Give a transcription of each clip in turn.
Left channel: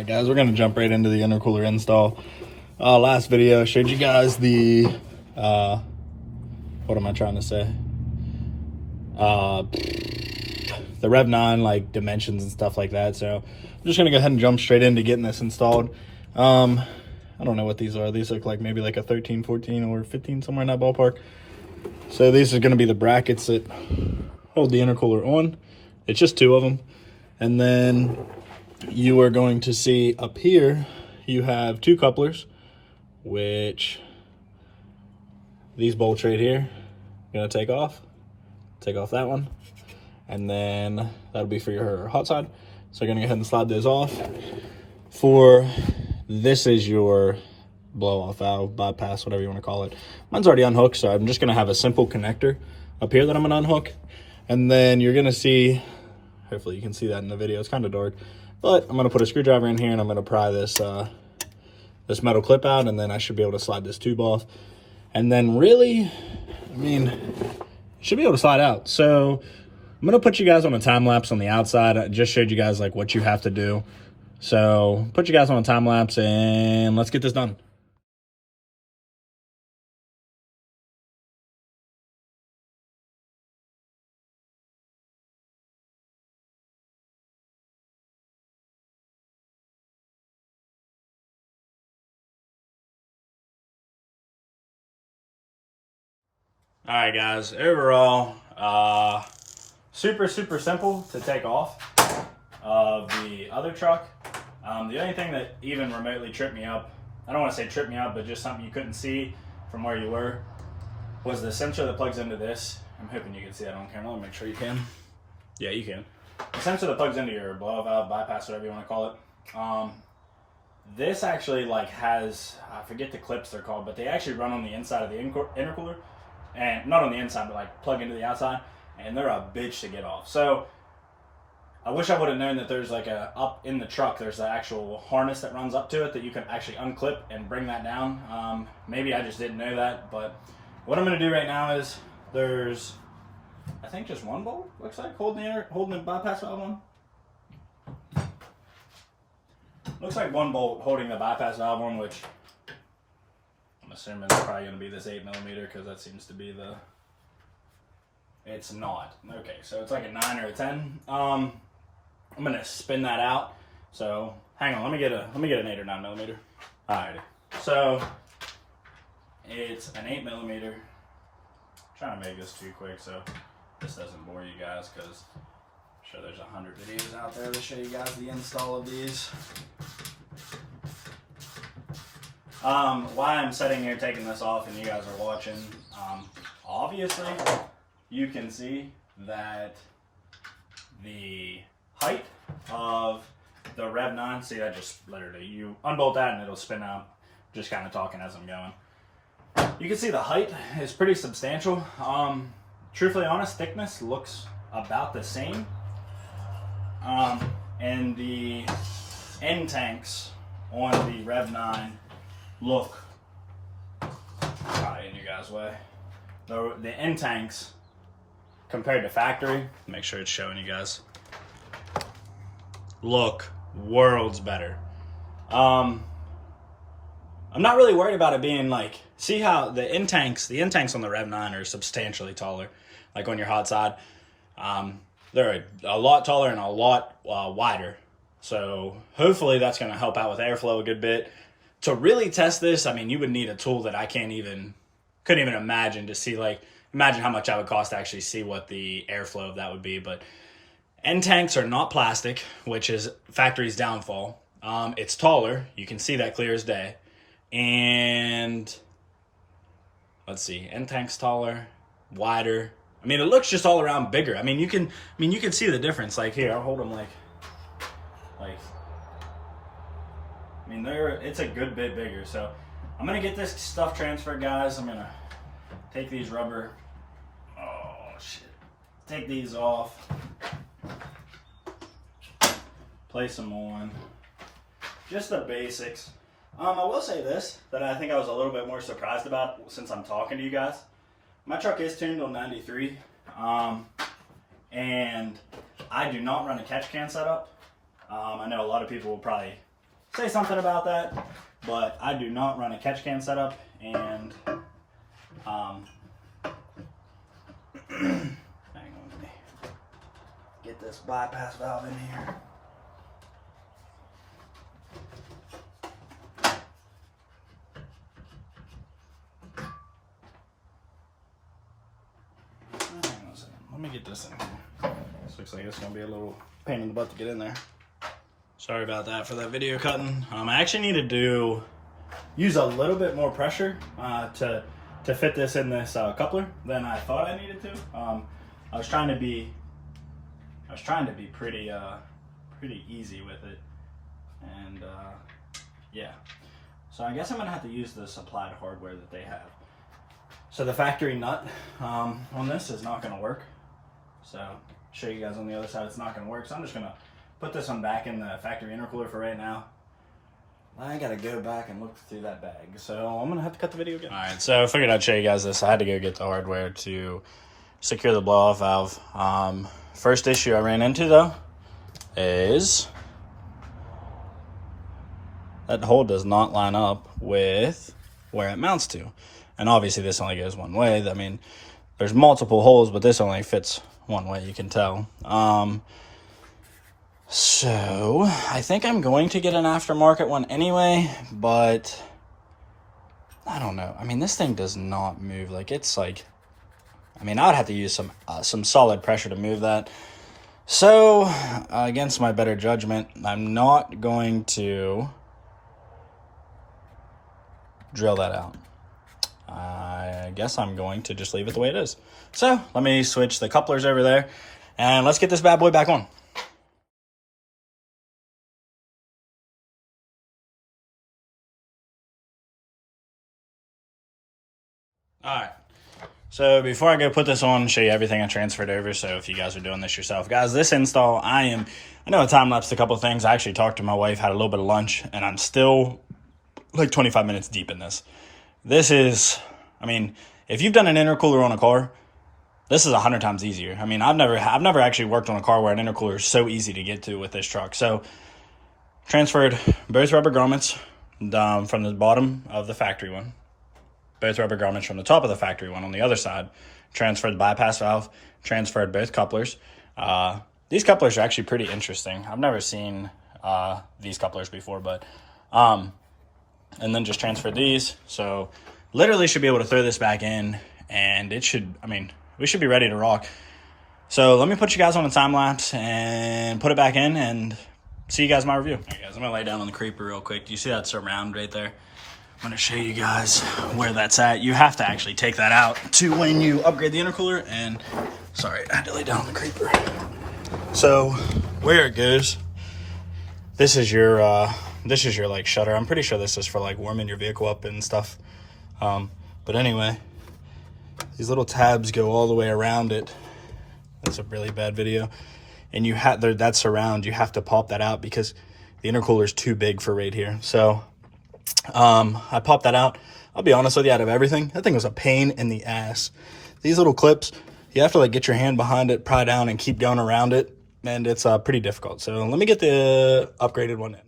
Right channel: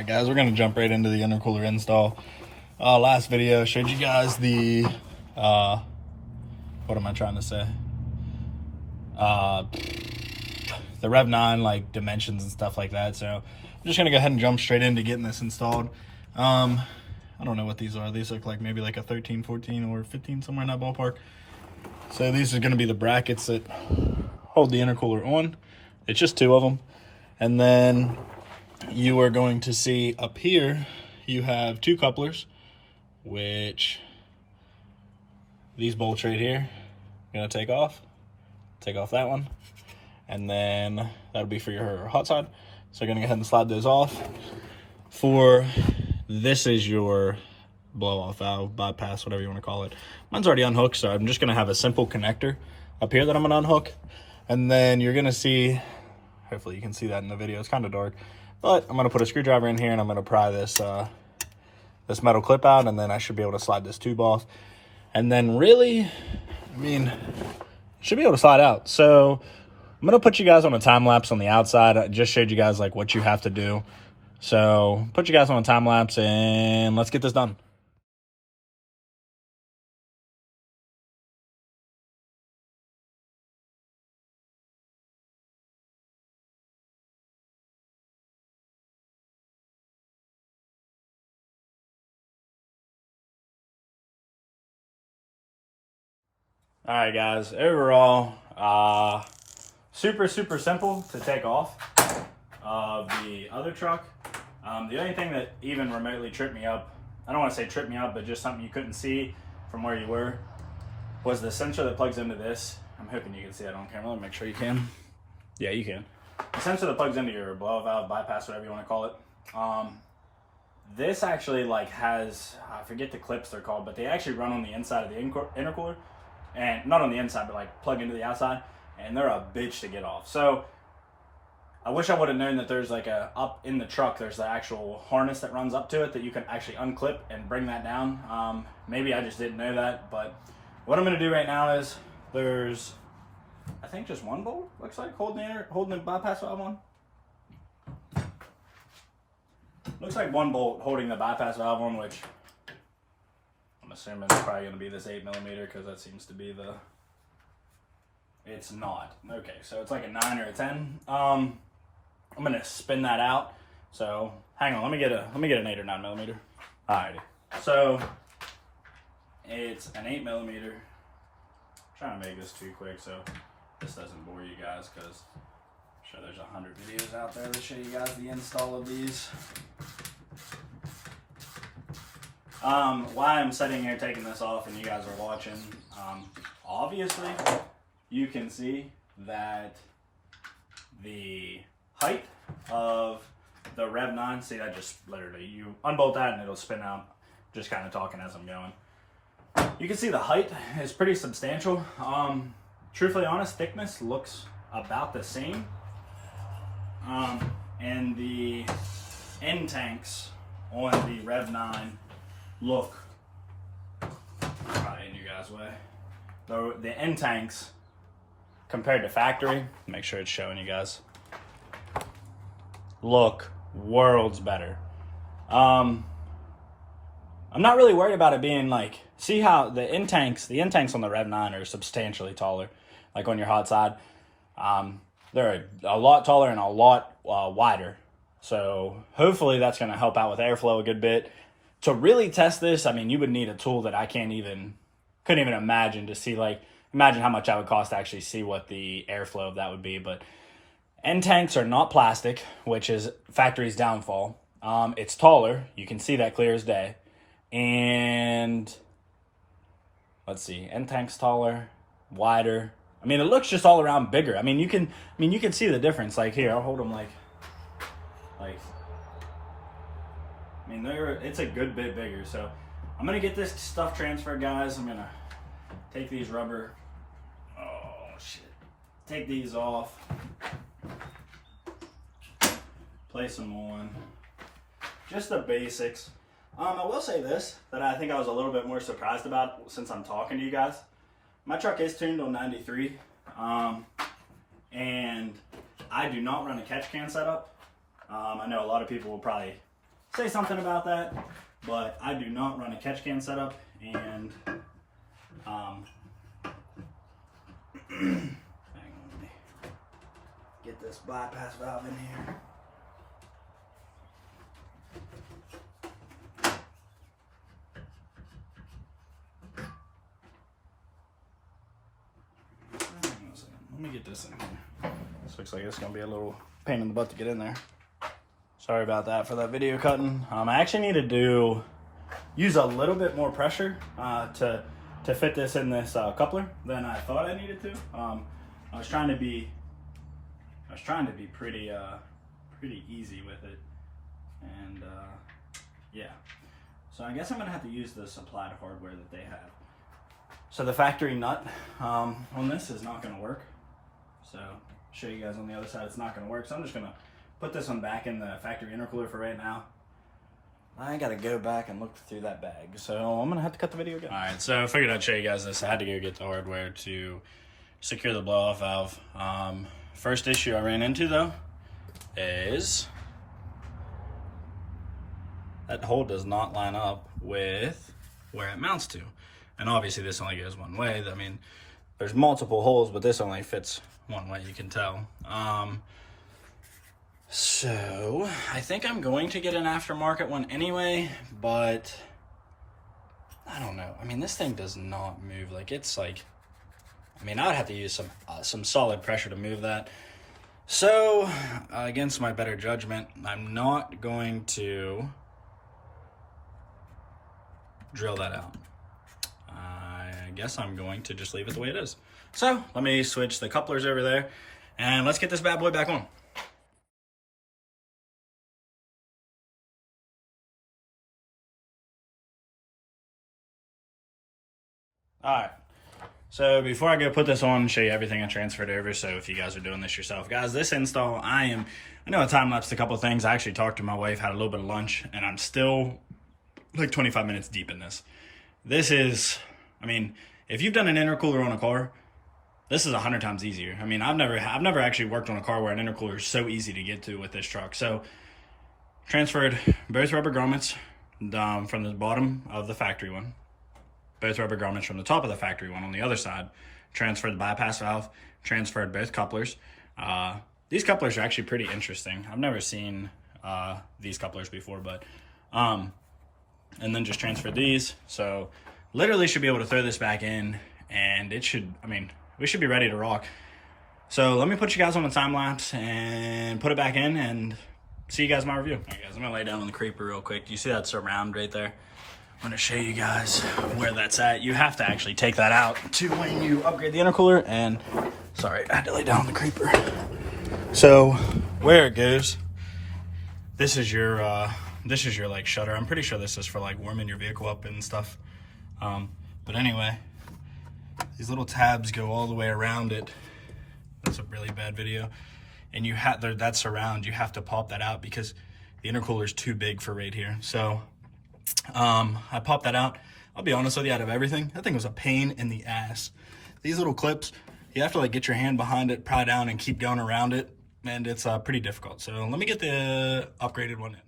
Alright guys, we're gonna jump right into the intercooler install. Last video showed you guys the what am I trying to say? The rev9 like dimensions and stuff like that. So I'm just gonna go ahead and jump straight into getting this installed. I don't know what these are. These look like maybe like a 13, 14, or 15, somewhere in that ballpark. So these are gonna be the brackets that hold the intercooler on. It's just two of them. And then you are going to see up here, you have two couplers, which these bolts right here, you're gonna take off that one. And then that'll be for your hot side. So you're gonna go ahead and slide those off. This is your blow off valve, bypass, whatever you wanna call it. Mine's already unhooked, so I'm just gonna have a simple connector up here that I'm gonna unhook. And then you're gonna see, hopefully you can see that in the video, it's kind of dark, but I'm gonna put a screwdriver in here and I'm gonna pry this this metal clip out, and then I should be able to slide this tube off. And then really, I mean, it should be able to slide out. So I'm gonna put you guys on a time lapse on the outside. I just showed you guys like what you have to do. So put you guys on a time lapse and let's get this done. All right, guys, overall, super simple to take off of the other truck. The only thing that even remotely tripped me up, I don't want to say tripped me up, but just something you couldn't see from where you were, was the sensor that plugs into this. I'm hoping you can see that on camera. Let me make sure you can. Yeah, you can. The sensor that plugs into your blow valve, bypass, whatever you want to call it. This actually like has, I forget the clips they're called, but they actually run on the inside of the intercooler. And not on the inside, but like plug into the outside, and they're a bitch to get off. So I wish I would have known that there's like up in the truck, there's the actual harness that runs up to it that you can actually unclip and bring that down. Maybe I just didn't know that, but what I'm gonna do right now is there's, I think just one bolt, looks like, holding the bypass valve on. Looks like one bolt holding the bypass valve on, which I'm assuming it's probably going to be this 8mm, because that seems to be the, it's not. Okay, so it's like a 9 or a 10. I'm going to spin that out. So hang on, let me get an 8 or 9mm. Alrighty, so it's an 8mm. I'm trying to make this too quick so this doesn't bore you guys, because I'm sure there's 100 videos out there to show you guys the install of these. Why I'm sitting here taking this off and you guys are watching, obviously you can see that the height of the rev9, see, I just literally, you unbolt that and it'll spin out. Just kind of talking as I'm going. You can see the height is pretty substantial. Truthfully honest, thickness looks about the same. And the end tanks on the rev9 look, in you guys' way. The end tanks compared to factory, make sure it's showing you guys, look worlds better. I'm not really worried about it being like, see how the end tanks on the rev9 are substantially taller, like on your hot side. They're a lot taller and a lot wider. So hopefully that's going to help out with airflow a good bit. To really test this, I mean, you would need a tool that I couldn't even imagine to see, like, imagine how much that would cost to actually see what the airflow of that would be. But end tanks are not plastic, which is factory's downfall. It's taller. You can see that clear as day. And let's see, end tank's taller, wider. I mean, it looks just all around bigger. I mean, you can see the difference. Like here, I'll hold them like. I mean, it's a good bit bigger. So I'm gonna get this stuff transferred, guys. I'm gonna take these rubber, take these off, place them on, just the basics. I will say this, that I think I was a little bit more surprised about since I'm talking to you guys. My truck is tuned on 93, and I do not run a catch can setup. I know a lot of people will probably say something about that. But I do not run a catch can setup, and hang on, let me get this bypass valve in here. Let me get this in here. This looks like it's gonna be a little pain in the butt to get in there. Sorry about that for that video cutting. I actually need to use a little bit more pressure to fit this in this coupler than I thought I needed to. I was trying to be pretty easy with it, and yeah. So I guess I'm gonna have to use the supplied hardware that they have. So the factory nut on this is not gonna work. So show you guys on the other side, it's not gonna work. So I'm just gonna put this one back in the factory intercooler for right now. I gotta go back and look through that bag, so I'm gonna have to cut the video again. All right, so I figured I'd show you guys this. I had to go get the hardware to secure the blow-off valve. First issue I ran into though is that hole does not line up with where it mounts to. And obviously this only goes one way. I mean, there's multiple holes, but this only fits one way, you can tell. So I think I'm going to get an aftermarket one anyway, but I don't know. I mean, this thing does not move. Like, it's like, I mean, I'd have to use some solid pressure to move that. So against my better judgment, I'm not going to drill that out. I guess I'm going to just leave it the way it is. So let me switch the couplers over there and let's get this bad boy back on. All right, so before I go put this on, show you everything I transferred over. So if you guys are doing this yourself, guys, this install, I know I time-lapsed a couple of things. I actually talked to my wife, had a little bit of lunch, and I'm still like 25 minutes deep in this. This is, I mean, if you've done an intercooler on a car, this is 100 times easier. I mean, I've never actually worked on a car where an intercooler is so easy to get to with this truck. So transferred both rubber grommets from the bottom of the factory one, both rubber grommets from the top of the factory one on the other side, transferred the bypass valve, transferred both couplers. These couplers are actually pretty interesting. I've never seen these couplers before, but and then just transferred these. So literally should be able to throw this back in, and it should, I mean, we should be ready to rock. So let me put you guys on a time lapse and put it back in and see you guys in my review. All right, guys, I'm gonna lay down on the creeper real quick. Do you see that surround right there? I'm gonna show you guys where that's at. You have to actually take that out to when you upgrade the intercooler. And sorry, I had to lay down on the creeper. So where it goes, this is your like shutter. I'm pretty sure this is for like warming your vehicle up and stuff. But anyway, these little tabs go all the way around it. That's a really bad video. And you have that surround, you have to pop that out because the intercooler is too big for right here. So I popped that out. I'll be honest with you, out of everything, that thing was a pain in the ass. These little clips, you have to like get your hand behind it, pry down, and keep going around it, and it's pretty difficult. So let me get the upgraded one in.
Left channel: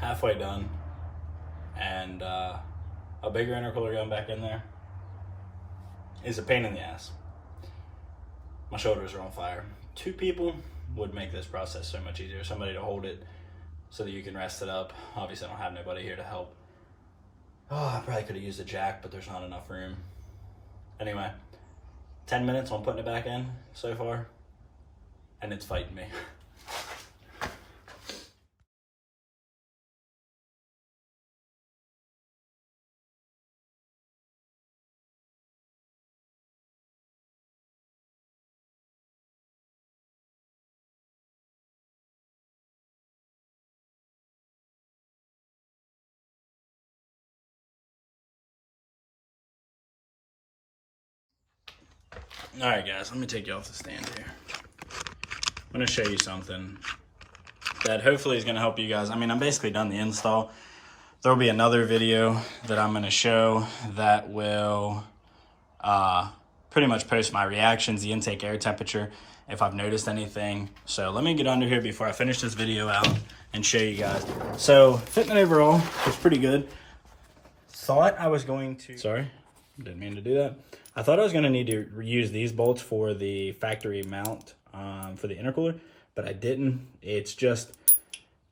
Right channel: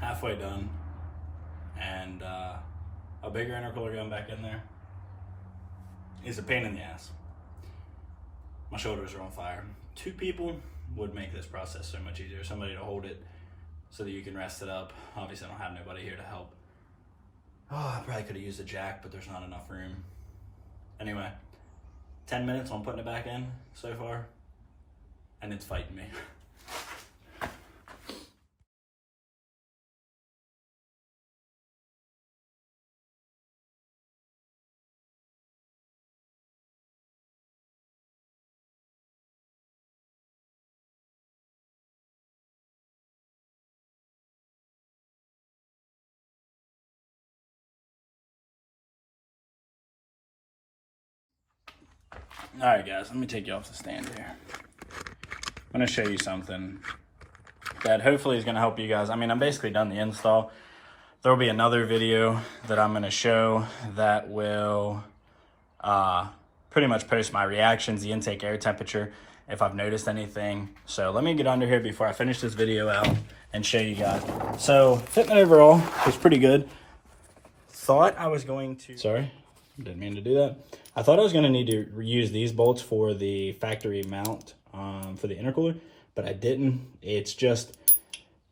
Halfway done, and a bigger intercooler going back in there is a pain in the ass. My shoulders are on fire. 2 people would make this process so much easier. Somebody to hold it so that you can rest it up. Obviously I don't have nobody here to help. Oh, I probably could have used a jack, but there's not enough room. Anyway, 10 minutes on putting it back in so far, and it's fighting me. All right, guys, let me take you off the stand here. I'm going to show you something that hopefully is going to help you guys. I mean, I'm basically done the install. There will be another video that I'm going to show that will pretty much post my reactions, the intake air temperature, if I've noticed anything. So let me get under here before I finish this video out and show you guys. So fitment overall was pretty good. Thought I was going to, sorry, didn't mean to do that. I thought I was going to need to use these bolts for the factory mount for the intercooler, but I didn't. It's just,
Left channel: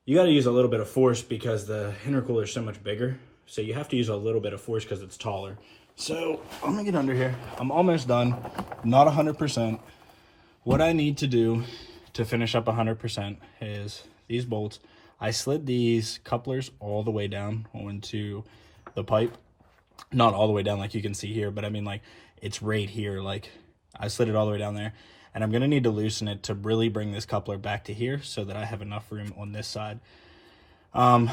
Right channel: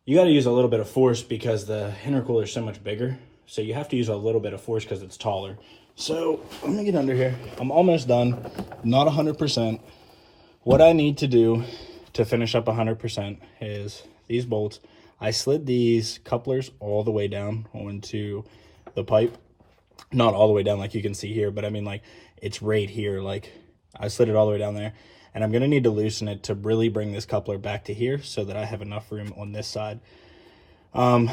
you got to use a little bit of force because the intercooler is so much bigger. So you have to use a little bit of force because it's taller. So I'm going to get under here. I'm almost done, not 100%. What I need to do to finish up 100% is these bolts. I slid these couplers all the way down onto the pipe. Not all the way down like you can see here, but I mean like it's right here. Like I slid it all the way down there, and I'm gonna need to loosen it to really bring this coupler back to here so that I have enough room on this side. So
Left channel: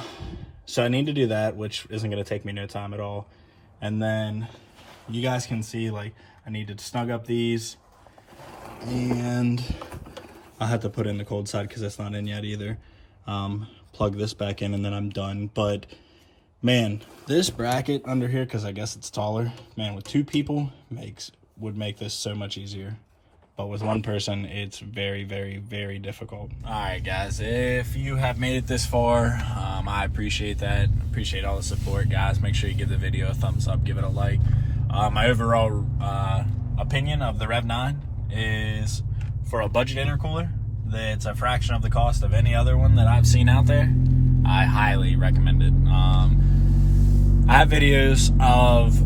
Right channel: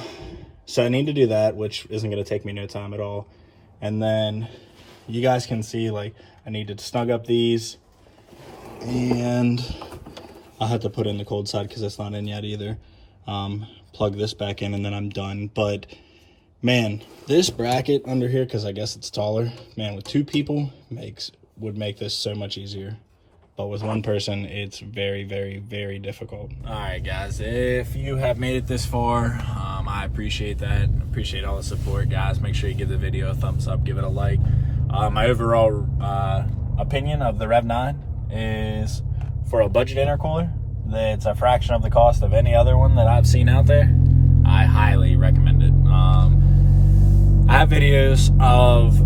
I need to do that, which isn't gonna take me no time at all. And then you guys can see like I need to snug up these, and I'll have to put in the cold side because it's not in yet either. Plug this back in and then I'm done. But man, this bracket under here, because I guess it's taller, man, with two people would make this so much easier. But with one person, it's very, very, very difficult. All right, guys, if you have made it this far, I appreciate that. Appreciate all the support, guys. Make sure you give the video a thumbs up, give it a like. My overall opinion of the Rev9 is, for a budget intercooler, it's a fraction of the cost of any other one that I've seen out there. I highly recommend it. I have videos of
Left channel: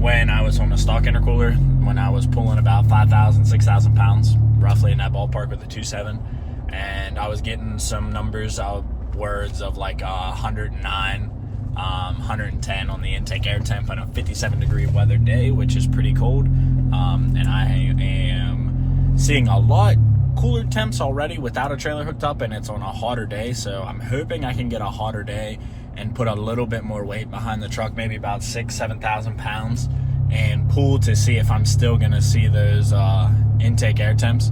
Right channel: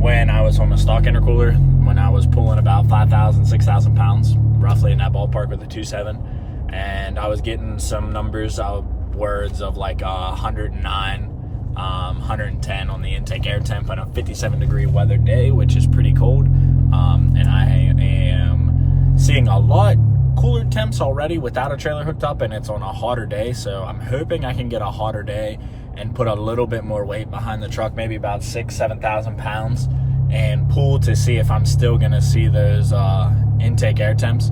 when I was on the stock intercooler, when I was pulling about 5,000, 6,000 pounds, roughly in that ballpark with a 2.7, and I was getting some numbers, words of like 109, 110 on the intake air temp on a 57-degree weather day, which is pretty cold. And I am seeing a lot cooler temps already without a trailer hooked up, and it's on a hotter day. So I'm hoping I can get a hotter day and put a little bit more weight behind the truck, maybe about 6,000-7,000 pounds, and pull to see if I'm still gonna see those intake air temps.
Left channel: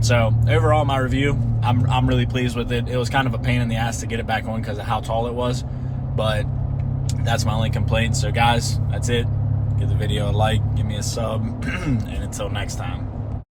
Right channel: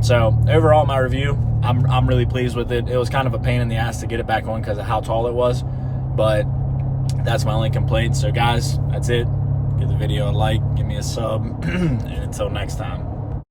So overall, my review, I'm really pleased with it. It was kind of a pain in the ass to get it back on because of how tall it was, but that's my only complaint. So guys, that's it. Give the video a like, give me a sub, and until next time.